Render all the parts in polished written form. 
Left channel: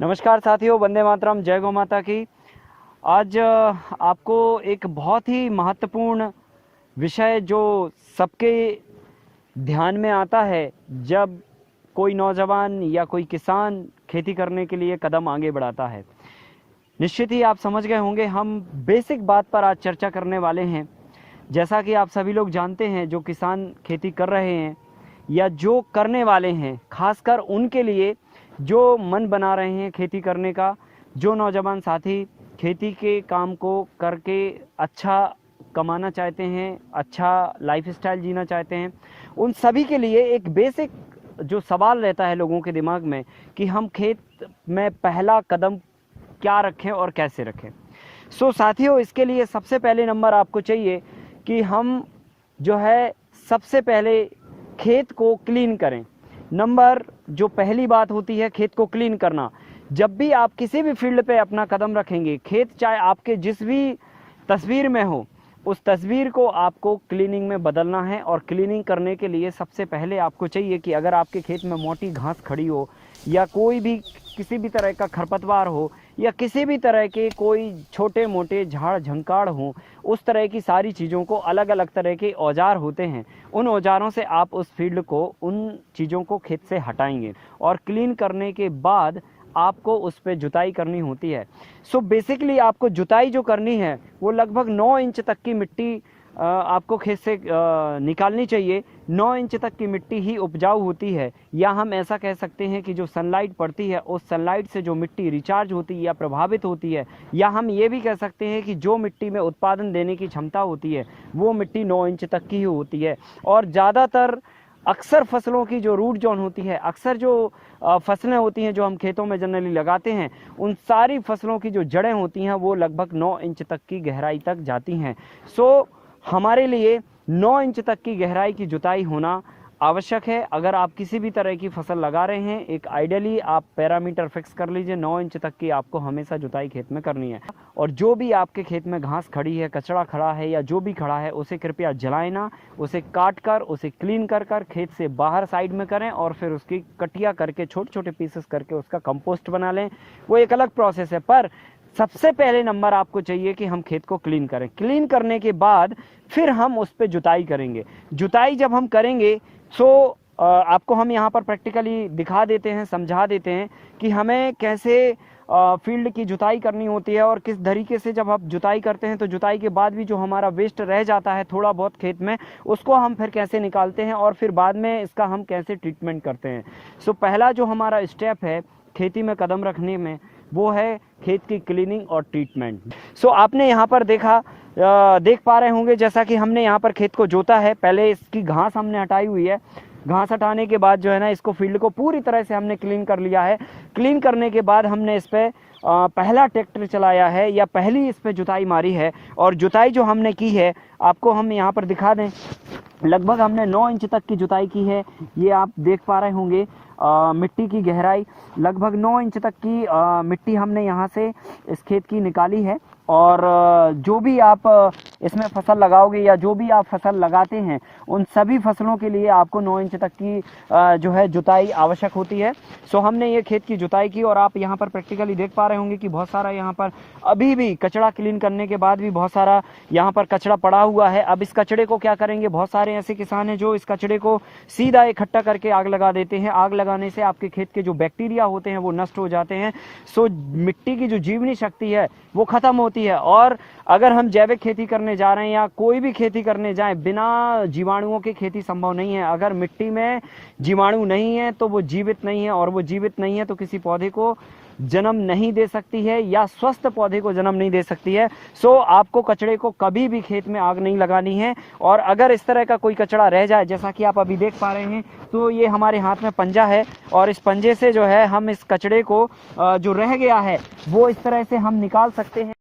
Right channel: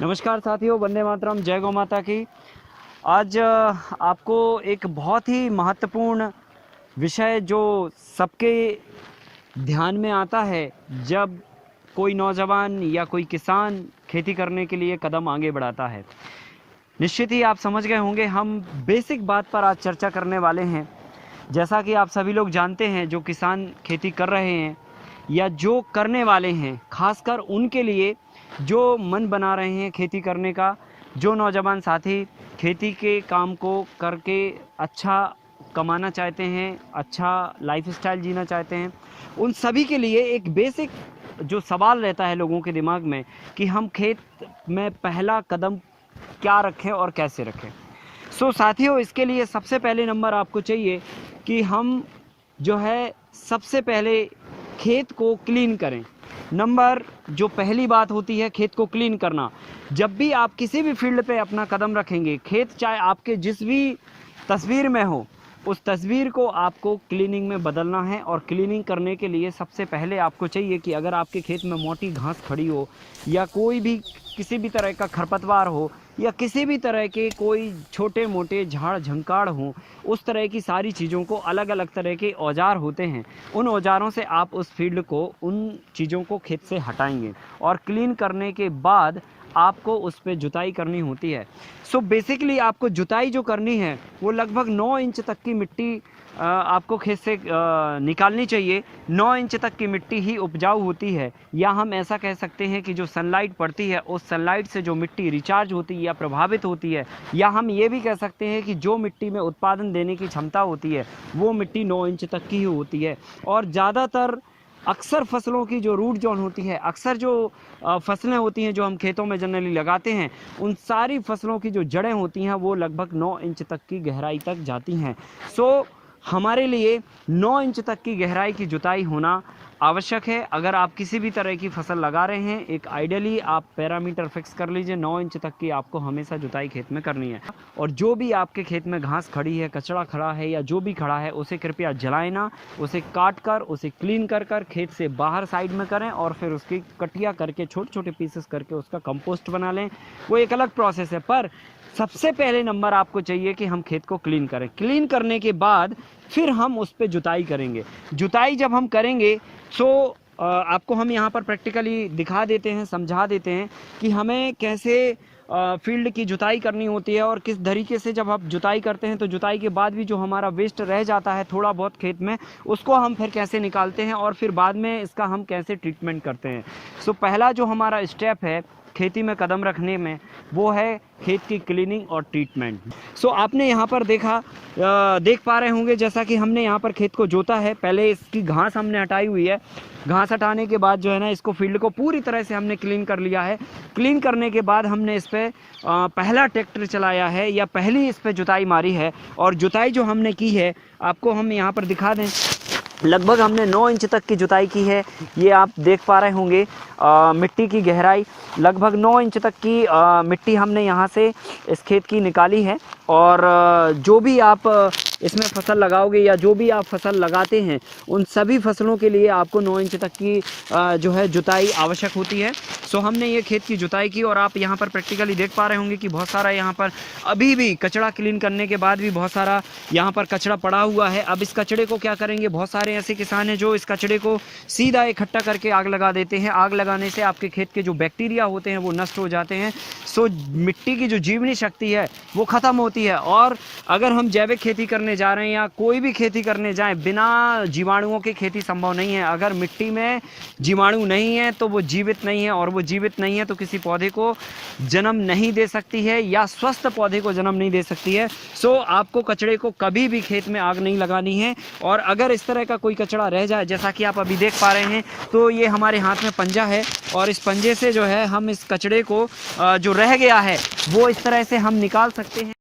नमस्कार साथियों, वंदे मातरम, जय गौ माता की। आज आपको एक बहुत ही महत्वपूर्ण विषय जो सबके ध्यान में आता है जब कोई नौजवान या कोई किसान खेती करने के लिए कदम आगे बढ़ाता है। निश्चित ही आप समझ गए होंगे, हम बेसिक बात पर आज चर्चा करने वाले हैं। जैसा कि आप सभी लोग जानते हैं, जो किसान खेती कर रहे हैं या जो करने वाले हैं, खासकर उनके लिए जो मन बना रहे हैं खेती करने का, जो नौजवान साथी खेती के काम को करके अच्छा कमाना चाहते हैं, अच्छा लाइफस्टाइल जीना चाहते हैं, उन सभी के लिए एक बेसिक जो सवाल रहता है लोगों के दिमाग में कि हम खेत में पहला कदम क्या रखें और कैसे रखें। साथियों, इसके लिए सबसे पहले नंबर आपको चाहिए कि हम जो है सबसे पहले खेत को क्लीन करें। नंबर जो पहली बात होती है, खेत को क्लीन करना। जब भी आप किसी भी फील्ड पे अपना कदम रखेंगे, खेत चाहे आपके जिस भी तस्वीर में हो, उस तस्वीर को आपको क्लीनिंग में बदलना है। और क्लीनिंग करने के लिए सबसे पहले आपको चाहिए कि अगर आपके खेत में मोटी घास खड़ी हो या कोई भी किसी भी तरह का खरपतवार हो या किसी भी तरह के कोई छोटे मोटे झाड़ झंकाड़ हों, उस तरह की सारी चीज़ों को, अलग अलग तरह के औजार होते हैं, उन औजारों से आप उस फील्ड को, उन चीज़ों को खेत से हटाएंगे। और क्लीन करने के बाद आपको उस पर जुताई करनी होती है। बेसिकली आपको जुताई जो करनी है वो लगभग 9 इंच तक की मिट्टी आपको खेत से निकालनी चाहिए। 9 इंच तक की मिट्टी ही उपजाऊ होती है, या हम ऐसा कह सकते हैं कि जो सनलाइट पड़ती है, उस सनलाइट से जो मिट्टी रिचार्ज होती है या प्रभावित होती है, या हम ये भी कह सकते हैं कि जो मिट्टी में उत्पादन देने की क्षमता होती है, वो मिट्टी 9 इंच तक की ही होती है। और ज़्यादातर अक्सर फसलों की जो रूट जोन होती है, अक्सर जो फसलें होती हैं जो हम खेतों में जनरली लगाते हैं, उन सारी फसलों की जो जड़ें होती हैं वो लगभग 9 इंच तक की गहराई तक जाती हैं। हमारे लिए 9 इंच तक की गहराई की जुताई होना आवश्यक है। अगर आप किसी भी तरह की फसल लगा रहे हैं, एक आइडियली आप पैरामीटर फिक्स कर लीजिए, 9 इंच तक की आपको हमेशा जुताई खेत में करनी है। और जो भी आपके खेत में घास खड़ी है, कचरा खड़ा है या जो भी खड़ा है, उसे कृपया जलाएं ना, उसे काट कर, उसे क्लीन कर कर खेत से बाहर साइड में करें और फिर उसकी कटिया करके, छोटे छोटे पीसेस करके उसका कंपोस्ट बना लें। वो एक अलग प्रोसेस है, पर सबसे पहले नंबर आपको चाहिए कि हम खेत को क्लीन करें। क्लीन करने के बाद फिर हम उस पर जुताई करेंगे। जुताई जब हम करेंगे आपको हम यहाँ पर प्रैक्टिकली दिखा देते हैं, समझा देते हैं कि हमें कैसे फील्ड की जुताई करनी होती है और किस तरीके से जब आप जुताई करते हैं तो जुताई के बाद भी जो हमारा वेस्ट रह जाता है थोड़ा बहुत खेत में, उसको हम फिर कैसे निकालते हैं और फिर बाद में इसका हम कैसे ट्रीटमेंट करते हैं। पहला जो हमारा स्टेप है खेती में कदम रखने में, वो है खेत की क्लीनिंग और ट्रीटमेंट। आपने यहाँ पर देख पा रहे होंगे, जैसा कि हमने यहाँ पर खेत को जोता है, पहले इसकी घास हमने हटाई हुई है। घास हटाने के बाद जो है ना, इसको फील्ड को पूरी तरह से हमने क्लीन कर लिया है। क्लीन करने के बाद हमने इस पर पहला ट्रैक्टर चलाया है या पहली इस पर जुताई मारी है। और जुताई जो हमने की है, आपको हम यहाँ पर दिखा दें, लगभग हमने 9 इंच तक की जुताई की है। ये आप देख पा रहे होंगे, मिट्टी की गहराई लगभग 9 इंच तक की मिट्टी हमने यहाँ से इस खेत की निकाली है। और जो भी आप इसमें फसल लगाओगे या जो भी आप फसल लगाते हैं, उन सभी फसलों के लिए आपको 9 इंच तक की जो है जुताई आवश्यक होती है। हमने ये खेत की जुताई की और आप यहाँ पर प्रैक्टिकली देख पा रहे होंगे कि बहुत सारा यहाँ पर अभी भी कचरा क्लीन करने के बाद भी बहुत सारा यहाँ पर कचरा पड़ा हुआ है। अब इस कचरे को क्या करेंगे, बहुत सारे ऐसे किसान हैं जो इस कचरे को सीधा इकट्ठा करके आग लगा देते हैं। आग लगाने से आपके खेत के जो बैक्टीरिया होते हैं वो नष्ट हो जाते हैं। मिट्टी की जो जीवनी शक्ति है वो ख़त्म होती है। और अगर हम जैविक खेती करने जा रहे हैं या कोई भी खेती करने जाएं, बिना जीवाणुओं की खेती संभव नहीं है। अगर मिट्टी में जीवाणु नहीं है तो वो जीवित नहीं है, और वो जीवित नहीं है तो किसी पौधे को जन्म नहीं दे सकती है या स्वस्थ पौधे को जन्म नहीं दे सकती है। आपको कचड़े को कभी भी खेत में आग नहीं लगानी है। और अगर इस तरह का कोई कचड़ा रह जाए, जैसा कि आप अभी देख पा रहे हैं, तो ये हमारे हाथ में पंजा है और इस पंजे से जो है हम इस कचड़े को जो रह गया है वो इस तरह से हम निकाल सकते हैं।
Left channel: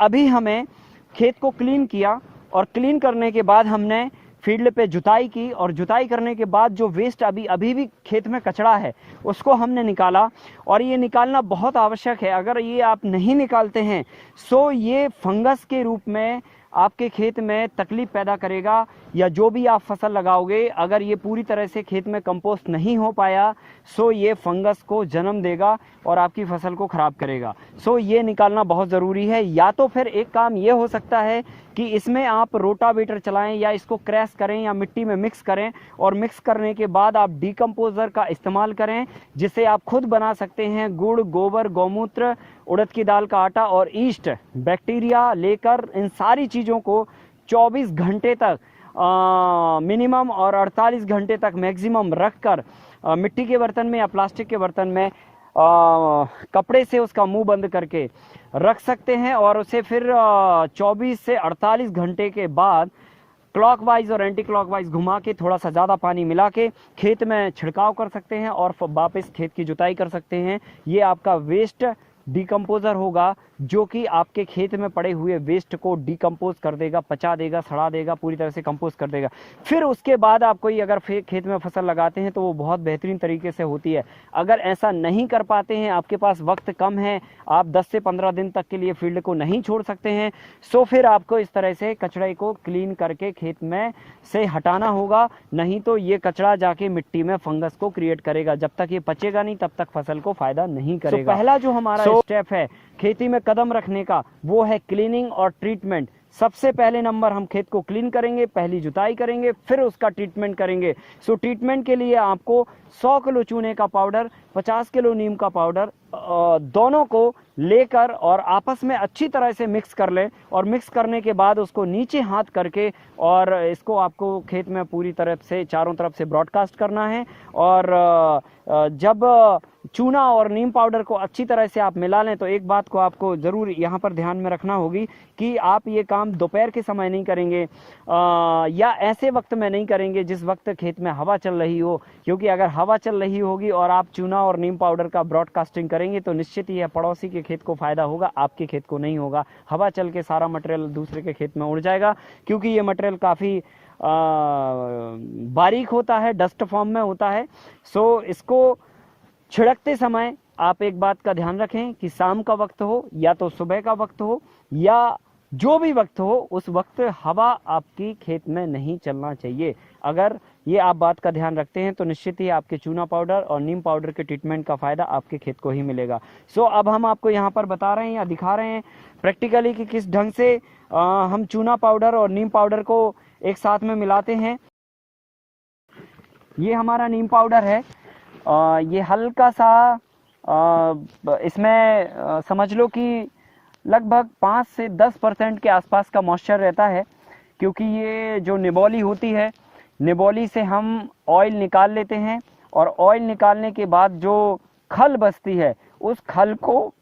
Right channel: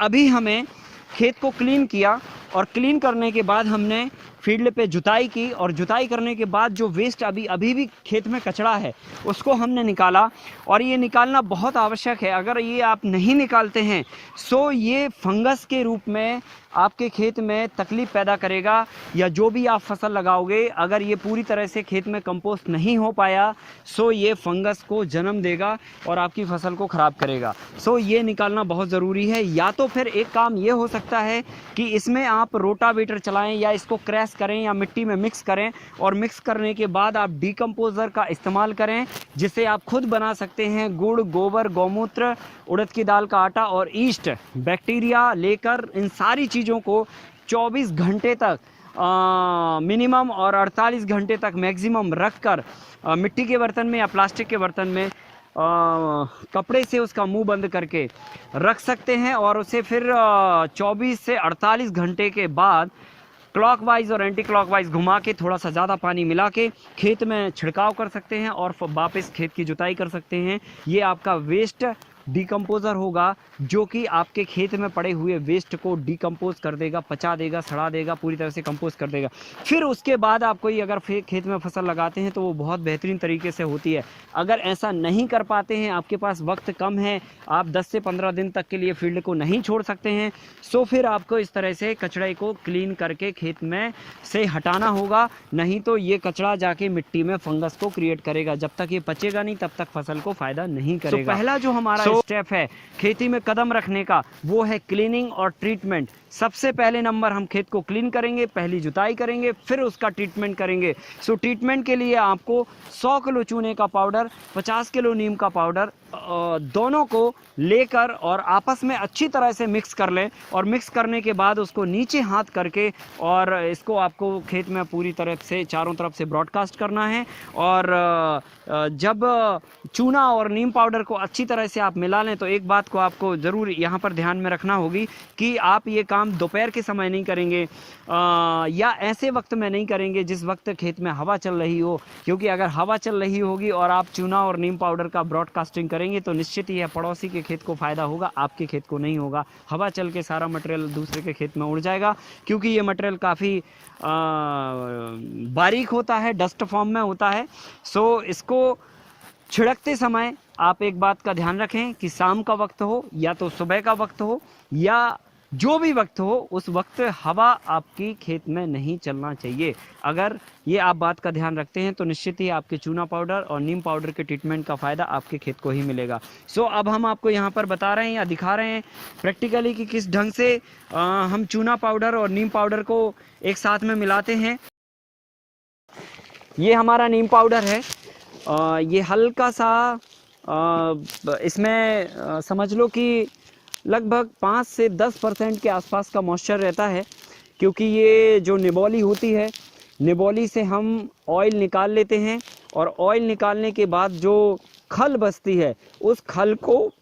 अभी हमें खेत को क्लीन किया और क्लीन करने के बाद हमने फील्ड पे जुताई की, और जुताई करने के बाद जो वेस्ट अभी भी खेत में कचरा है उसको हमने निकाला। और ये निकालना बहुत आवश्यक है, अगर ये आप नहीं निकालते हैं सो ये फंगस के रूप में आपके खेत में तकलीफ पैदा करेगा, या जो भी आप फसल लगाओगे अगर ये पूरी तरह से खेत में कंपोस्ट नहीं हो पाया सो ये फंगस को जन्म देगा और आपकी फसल को ख़राब करेगा। सो ये निकालना बहुत ज़रूरी है। या तो फिर एक काम ये हो सकता है कि इसमें आप रोटावेटर चलाएं या इसको क्रैश करें या मिट्टी में मिक्स करें, और मिक्स करने के बाद आप डीकम्पोज़र का इस्तेमाल करें, जिसे आप खुद बना सकते हैं। गुड़, गोबर, गौमूत्र, उड़द की दाल का आटा और ईस्ट बैक्टीरिया लेकर इन सारी चीज़ों को 24 घंटे तक मिनिमम और 48 घंटे तक मैक्सिमम रखकर मिट्टी के बर्तन में या प्लास्टिक के बर्तन में कपड़े से उसका मुंह बंद करके रख सकते हैं, और उसे फिर 24 से 48 घंटे के बाद क्लॉकवाइज और एंटी क्लॉकवाइज घुमा के थोड़ा सा ज़्यादा पानी मिला के खेत में छिड़काव कर सकते हैं और वापस खेत की जुताई कर सकते हैं। ये आपका वेस्ट डीकम्पोज़र होगा जो कि आपके खेत में पड़े हुए वेस्ट को डीकम्पोज कर देगा, पचा देगा, सड़ा देगा, पूरी तरह से कंपोज कर देगा। फिर उसके बाद आप कोई अगर खेत में फसल लगाते हैं तो वो बहुत बेहतरीन तरीके से होती है। अगर ऐसा नहीं कर पाते हैं, आपके पास वक्त कम है, आप 10 से 15 दिन तक के लिए फील्ड को नहीं छोड़ सकते हैं, सो फिर आपको इस तरह से कचड़े को क्लीन करके खेत में से हटाना होगा। नहीं तो ये कचड़ा जाके मिट्टी में फंगस को क्रिएट करेगा। जब तक ये पचेगा नहीं तब तक फसल को फायदा नहीं करेगा। पहला जो हमारा स्टेप है खेती में कदम रखने का वो है क्लीनिंग और ट्रीटमेंट। सबसे पहले नंबर हम खेत को क्लीन करेंगे, पहली जुताई करेंगे, फिर उसका ट्रीटमेंट करेंगे। सो ट्रीटमेंट के लिए आपको 100 किलो चूने का पाउडर, 50 किलो नीम का पाउडर दोनों को लेकर और आपस में अच्छी तरह से मिक्स कर लें, और मिक्स करने के बाद उसको नीचे हाथ करके और इसको आपको खेत में पूरी तरफ से चारों तरफ से ब्रॉडकास्ट करना है। और जब चूना और नीम पाउडर को अच्छी तरह से आप मिला लें तो एक बात को आपको ज़रूर यहाँ पर ध्यान में रखना होगी कि आप ये काम दोपहर के समय नहीं करेंगे या ऐसे वक्त में नहीं करेंगे जिस वक्त खेत में हवा चल रही हो, क्योंकि अगर हवा चल रही होगी और आप चूना और नीम पाउडर का ब्रॉडकास्टिंग करेंगे तो निश्चित ही है पड़ोसी के खेत को फ़ायदा होगा, आपके खेत को नहीं होगा। हवा चल के सारा मटेरियल दूसरे के खेत में उड़ जाएगा, क्योंकि ये मटेरियल काफ़ी बारीक होता है, डस्ट फॉर्म में होता है। सो इसको छिड़कते समय आप एक बात का ध्यान रखें कि शाम का वक्त हो या तो सुबह का वक्त हो या जो भी वक्त हो, उस वक्त हवा आपकी खेत में नहीं चलना चाहिए। अगर ये आप बात का ध्यान रखते हैं तो निश्चित ही आपके चूना पाउडर और नीम पाउडर के ट्रीटमेंट का फ़ायदा आपके खेत को ही मिलेगा। सो अब हम आपको यहाँ पर बता रहे हैं या दिखा रहे हैं प्रैक्टिकली कि किस ढंग से हम चूना पाउडर और नीम पाउडर को एक साथ में मिलाते हैं। ये हमारा नीम पाउडर है, ये हल्का सा इसमें समझ लो कि लगभग 5 से 10% के आसपास का मॉइस्चर रहता है, क्योंकि ये जो निबोली होती है, निबोली से हम ऑयल निकाल लेते हैं, और ऑयल निकालने के बाद जो खल बचती है उस खल को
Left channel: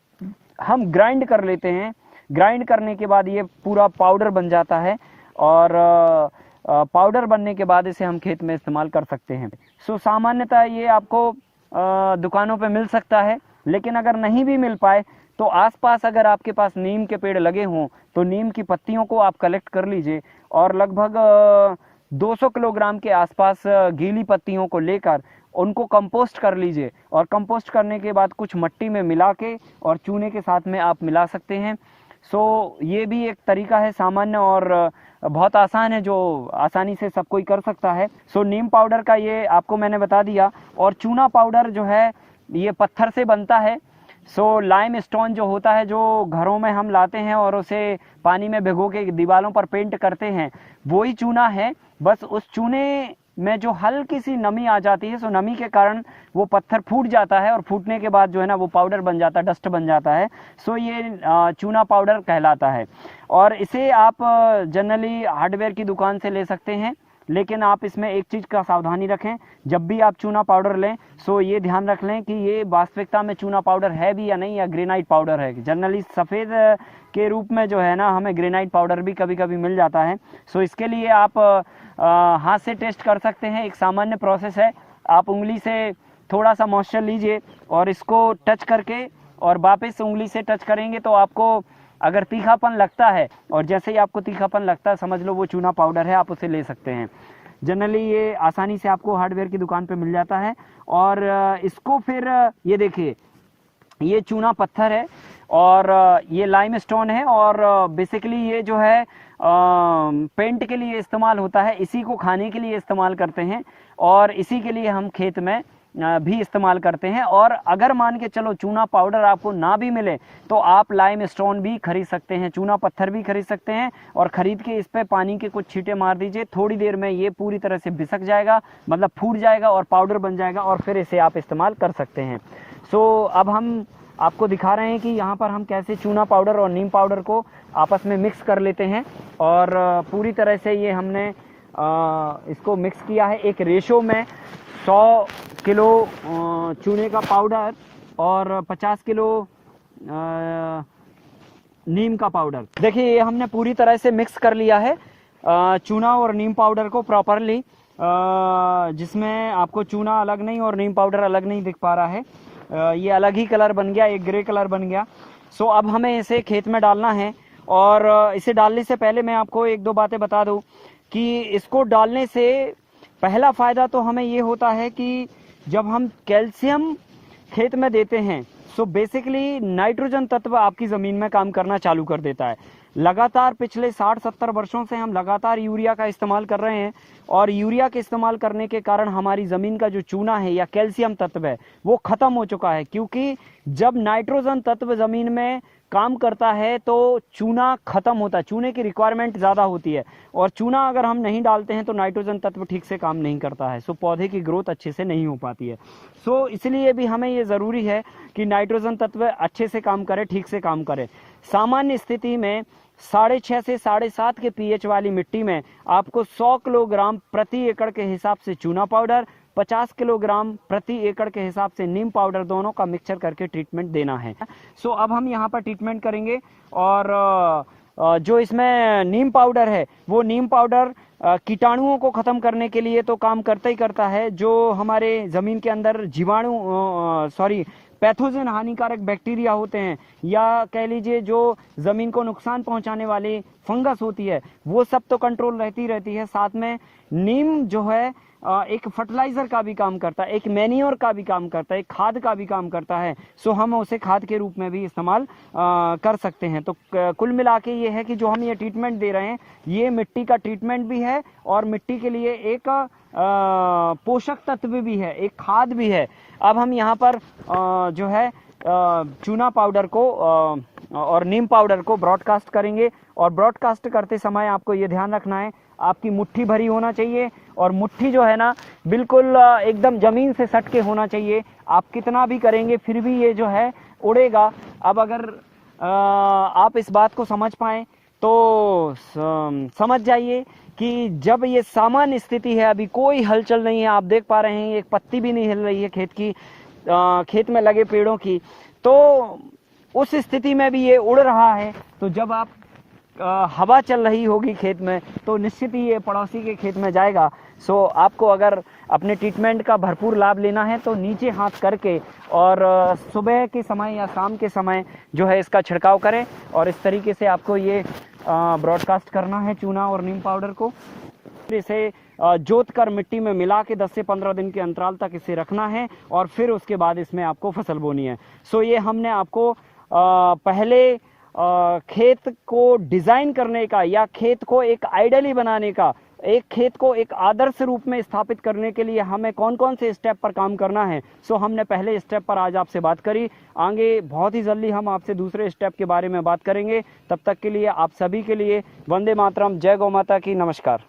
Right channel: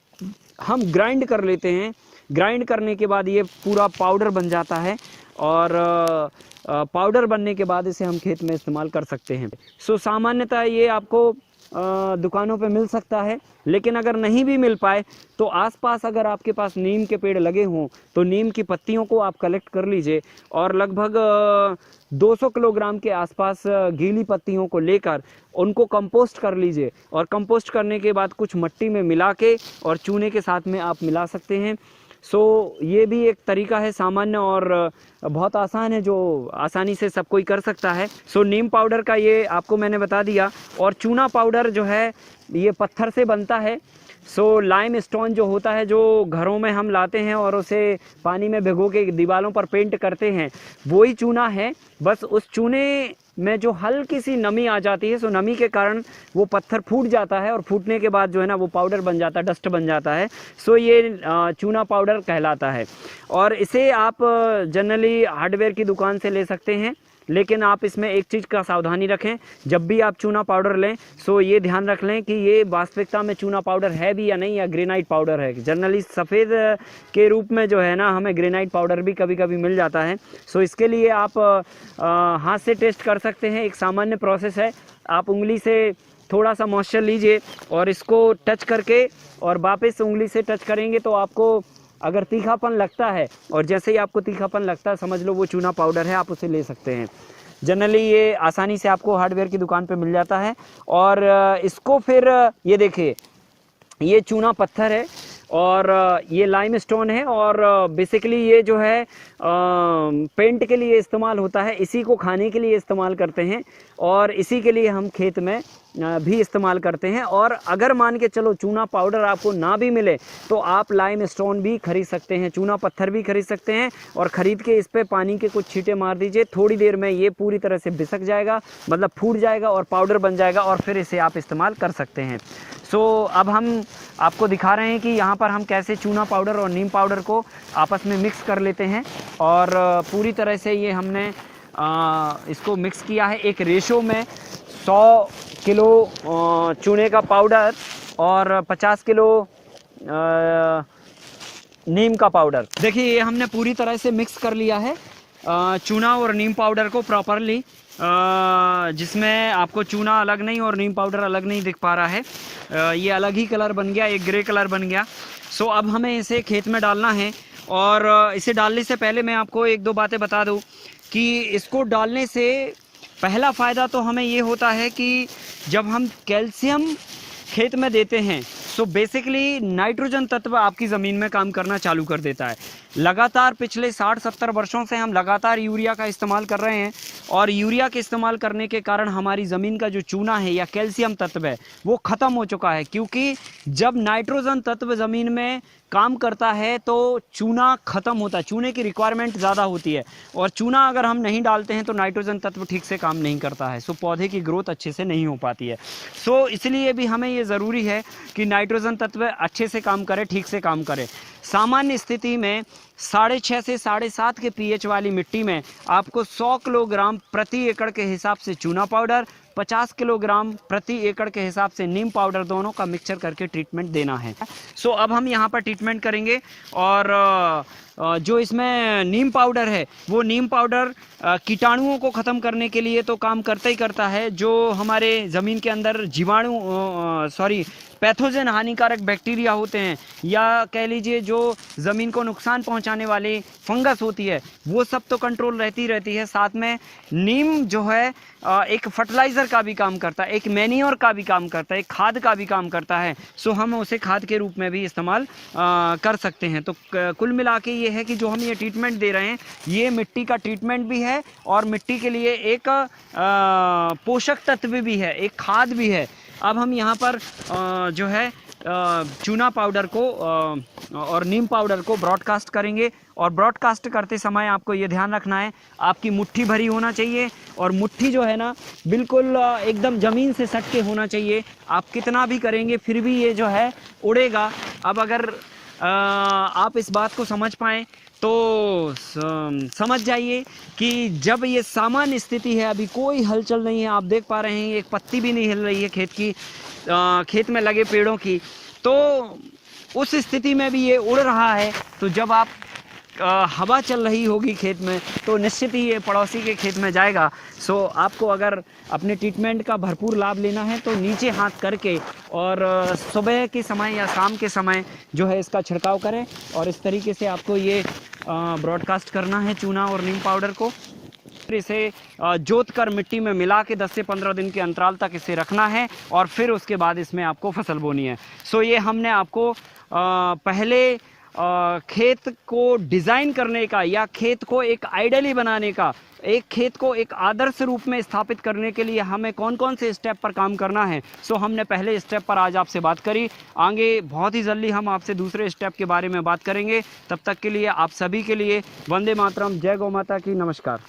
हम ग्राइंड कर लेते हैं। ग्राइंड करने के बाद ये पूरा पाउडर बन जाता है, और पाउडर बनने के बाद इसे हम खेत में इस्तेमाल कर सकते हैं। सो सामान्यतः ये आपको दुकानों पे मिल सकता है, लेकिन अगर नहीं भी मिल पाए तो आसपास अगर आपके पास नीम के पेड़ लगे हों तो नीम की पत्तियों को आप कलेक्ट कर लीजिए, और लगभग 200 किलोग्राम के आसपास गीली पत्तियों को लेकर उनको कंपोस्ट कर लीजिए, और कंपोस्ट करने के बाद कुछ मिट्टी में मिला के और चूने के साथ में आप मिला सकते हैं। सो ये भी एक तरीका है सामान्य और बहुत आसान है, जो आसानी से सब कोई कर सकता है। सो नीम पाउडर का ये आपको मैंने बता दिया, और चूना पाउडर जो है ये पत्थर से बनता है। सो लाइम स्टोन जो होता है, जो घरों में हम लाते हैं और उसे पानी में भिगो के दीवारों पर पेंट करते हैं, वही चूना है। बस उस चूने में जो हल्की सी नमी आ जाती है, सो नमी के कारण वो पत्थर फूट जाता है, और फूटने के बाद जो है ना वो पाउडर बन जाता है, डस्ट बन जाता है। सो ये चूना पाउडर कहलाता है, और इसे आप जनरली हार्डवेयर की दुकान से ले सकते हैं। लेकिन आप इसमें एक चीज़ का सावधानी रखें, जब भी आप चूना पाउडर लें सो ये ध्यान रख लें कि ये वास्तविकता में चूना पाउडर है भी या नहीं, या ग्रेनाइट पाउडर है। जनरली सफ़ेद के रूप में जो है ना हमें ग्रेनाइट पाउडर भी कभी कभी मिल जाता है। सो इसके लिए आप हाथ से टेस्ट कर सकते हैं, एक सामान्य प्रोसेस है। आप उंगली से थोड़ा सा मॉइस्चर लीजिए और इसको टच करके और वापस उंगली से टच करेंगे तो आपको अगर तीखापन लगता है, और जैसे ही आपको तीखापन लगता है समझ लो वो चूना पाउडर है, आप उसे ले सकते हैं। जनरली ये आसानी से आपको हार्डवेयर की दुकान पे मिल जाता है। और इसको फिर ये देखिए, ये चूना पत्थर है और ये लाइमस्टोन है, और बेसिकली ये जो है पेंट के लिए इस्तेमाल होता है, इसी को खाने के लिए इस्तेमाल करते हैं, और इसी के लिए हम खेत में भी इस्तेमाल करते हैं। और अगर मान के चलो चूना पाउडर आपको ना भी मिले तो आप लाइमस्टोन भी खरीद सकते हैं, चूना पत्थर भी खरीद सकते हैं, और ख़रीद के इस पे पानी के कुछ छींटे मार दीजिए, थोड़ी देर में ये पूरी तरह से बिसक जाएगा, मतलब फूट जाएगा और पाउडर बन जाएगा, और फिर इसे आप इस्तेमाल कर सकते हैं। सो अब हम आपको दिखा रहे हैं कि यहाँ पर हम कैसे चूना पाउडर और नीम पाउडर को आपस में मिक्स कर लेते हैं। और पूरी तरह से ये हमने इसको मिक्स किया है एक रेशो में, 100 किलो चूने का पाउडर और 50 किलो नीम का पाउडर। देखिए ये हमने पूरी तरह से मिक्स कर लिया है चूना और नीम पाउडर को प्रॉपरली, जिसमें आपको चूना अलग नहीं और नीम पाउडर अलग नहीं दिख पा रहा है। ये अलग ही कलर बन गया, एक ग्रे कलर बन गया। सो अब हमें इसे खेत में डालना है, और इसे डालने से पहले मैं आपको एक दो बातें बता दूं कि इसको डालने से पहला फ़ायदा तो हमें ये होता है कि जब हम कैल्शियम खेत में देते हैं तो बेसिकली नाइट्रोजन तत्व आपकी ज़मीन में काम करना चालू कर देता है। लगातार पिछले 60-70 वर्षों से हम लगातार यूरिया का इस्तेमाल कर रहे हैं, और यूरिया के इस्तेमाल करने के कारण हमारी ज़मीन का जो चूना है या कैल्शियम तत्व है वो ख़त्म हो चुका है, क्योंकि जब नाइट्रोजन तत्व ज़मीन में काम करता है तो चूना ख़त्म होता है, चूने की रिक्वायरमेंट ज़्यादा होती है, और चूना अगर हम नहीं डालते हैं तो नाइट्रोजन तत्व ठीक से काम नहीं करता है, सो पौधे की ग्रोथ अच्छे से नहीं हो पाती है। सो इसलिए भी हमें ये ज़रूरी है कि नाइट्रोजन तत्व अच्छे से काम करे, ठीक से काम करे। सामान्य स्थिति में 6.5 से 7.5 के पीएच वाली मिट्टी में आपको 100 किलोग्राम प्रति एकड़ के हिसाब से चूना पाउडर, 50 किलोग्राम प्रति एकड़ के हिसाब से नीम पाउडर, दोनों का मिक्सचर करके ट्रीटमेंट देना है। सो अब हम यहाँ पर ट्रीटमेंट करेंगे, और जो इसमें नीम पाउडर है वो नीम पाउडर कीटाणुओं को ख़त्म करने के लिए तो काम करता ही करता है, जो हमारे ज़मीन के अंदर पैथोजन हानिकारक बैक्टीरिया होते हैं, या कह लीजिए जो ज़मीन को नुकसान पहुंचाने वाली फंगस होती है, वो सब तो कंट्रोल रहती है। साथ में नीम जो है एक फर्टिलाइज़र का भी काम करता है, एक मैन्योर का भी काम करता है, एक खाद का भी काम करता है। सो हम उसे खाद के रूप में भी इस्तेमाल कर सकते हैं। तो कुल मिला के ये है कि जो हम ये ट्रीटमेंट दे रहे हैं ये मिट्टी का ट्रीटमेंट भी है, और मिट्टी के लिए एक पोषक तत्व भी है, एक खाद भी है। अब हम यहाँ पर जो है चूना पाउडर को और नीम पाउडर को ब्रॉडकास्ट करेंगे, और ब्रॉडकास्ट करते समय आपको ये ध्यान रखना है आपकी मुट्ठी भरी होना चाहिए, और मुट्ठी जो है ना बिल्कुल एकदम ज़मीन से सट के होना चाहिए। आप कितना भी करेंगे फिर भी ये जो है उड़ेगा। अब अगर आप इस बात को समझ पाएँ तो समझ जाइए कि जब ये सामान्य स्थिति है, अभी कोई हलचल नहीं है, आप देख पा रहे हैं एक पत्ती भी नहीं हिल रही है खेत में लगे पेड़ों की, तो उस स्थिति में भी ये उड़ रहा है। तो जब आप हवा चल रही होगी खेत में तो निश्चित ही ये पड़ोसी के खेत में जाएगा। सो आपको अगर अपने ट्रीटमेंट का भरपूर लाभ लेना है तो नीचे हाथ करके और सुबह के समय या शाम के समय जो है इसका छिड़काव करें, और इस तरीके से आपको ये ब्रॉडकास्ट करना है चूना और नीम पाउडर को। फिर इसे जोत कर मिट्टी में मिला के 10 से 15 दिन के अंतराल तक इसे रखना है, और फिर उसके बाद इसमें आपको फसल बोनी है। सो ये हमने आपको पहले खेत को डिज़ाइन करने का, या खेत को एक आइडियली बनाने का, एक खेत को एक आदर्श रूप में स्थापित करने के लिए हमें कौन कौन से स्टेप पर काम करना है, सो हमने पहले स्टेप पर आज आपसे बात करी। आगे बहुत ही जल्दी हम आपसे दूसरे स्टेप के बारे में बात करेंगे। तब तक के लिए आप सभी के लिए वंदे मातरम, जय गौ माता की, नमस्कार।